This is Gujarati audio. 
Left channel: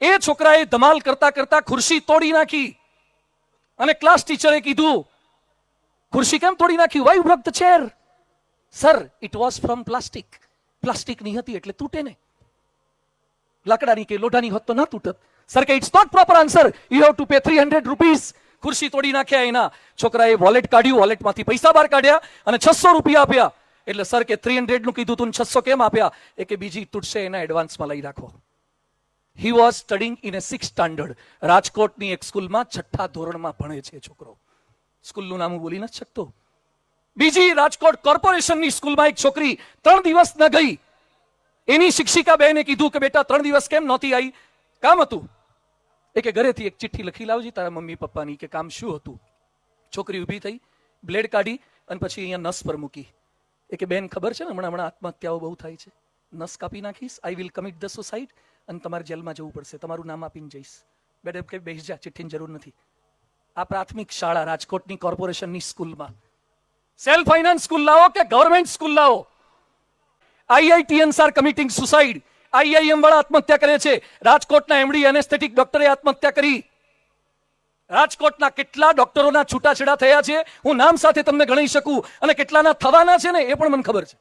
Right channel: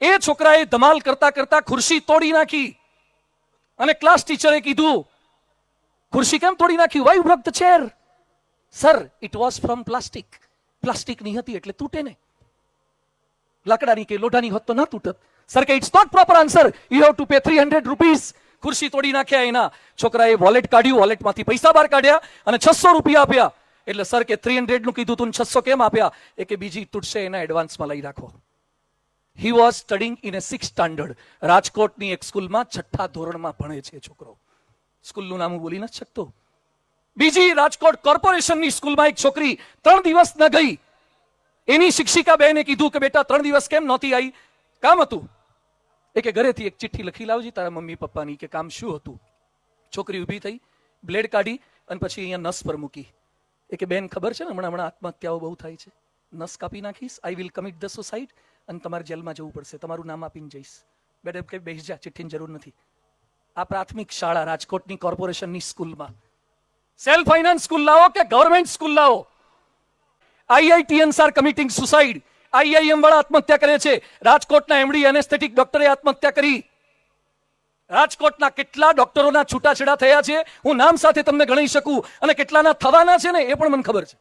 એ છોકરાએ ધમાલ કરતા કરતા ખુરશી તોડી નાખી અને ક્લાસ ટીચરે કીધું, ખુરશી કેમ તોડી નાખી? Why broke the chair? Sir, it was from plastic. Plastic ની હતી એટલે તૂટે ને, લાકડાની કે લોઢાની હોત તો ન તૂટે. સર કે it's not proper answer, you have to pay 300 rupees. ખુરશી તોડી નાખ્યા એના. છોકરાએ વોલેટ કાઢ્યું, વોલેટમાંથી પૈસા બહાર કાઢ્યા અને 600 રૂપિયા આપ્યા. એટલે સર કે 300 નું કીધું તું, 600 કેમ આપ્યા? એ કે બીજી તૂટશે એના એડવાન્સમાં લઈ રાખો. He was studying in A 6th standard. રાજકોટની એક સ્કૂલમાં 6ઠા ધોરણમાં ભણે છે છોકરો. સ્કૂલનું નામ બોલી નથી શકતો. બીજી રાજકોટ કોર્પોરેશનની સ્કૂલમાં એક છોકરી 3 દિવસ ન ગઈ. એની શિક્ષિકા બહેને કીધું કે બેટા 3 દિવસ કેમ નહોતી આવી? કામ હતું. એ કે ઘરેથી એક ચિઠ્ઠી લખી લાવજી તારા મમ્મી પપ્પાની કે કામ શું હતું. છોકરી ઊભી થઈ, બ્લેડ કાઢી અને પછી અહીંયા નસ પર મૂકી. એ કે બેન ખબર છે ને હમણાં આત્મહત્યાઓ બહુ થાય છે, નસ કાપી નાખીશ, I will commit the suicide અને તમારે જેલમાં જવું પડશે, તમારું નામ આપીને જઈશ. મેડમ કે બેસી જા, ચિઠ્ઠીની જરૂર નથી. આ પ્રાથમિક શાળા રાજકોટની કોર્પોરેશનની સ્કૂલમાં સેલ્ફ ફાઇનાન્સ સ્કૂલ લાવો કે ગવર્મેન્ટ સ્કૂલ લાવો, IITians are committing suicide. IIM વાળા આત્મહત્યા કરે છે. રાજકોટના એમડી એનેસ્થેટિક ડોક્ટરે આત્મહત્યા કરી. રાજકોટના કેટલા ડોક્ટરોના છૂટાછેડા થયા છે હું નામ સાથે તમને ગણી શકું, અને કેટલાના થવાના છે ને એ પણ મને ખબર છે.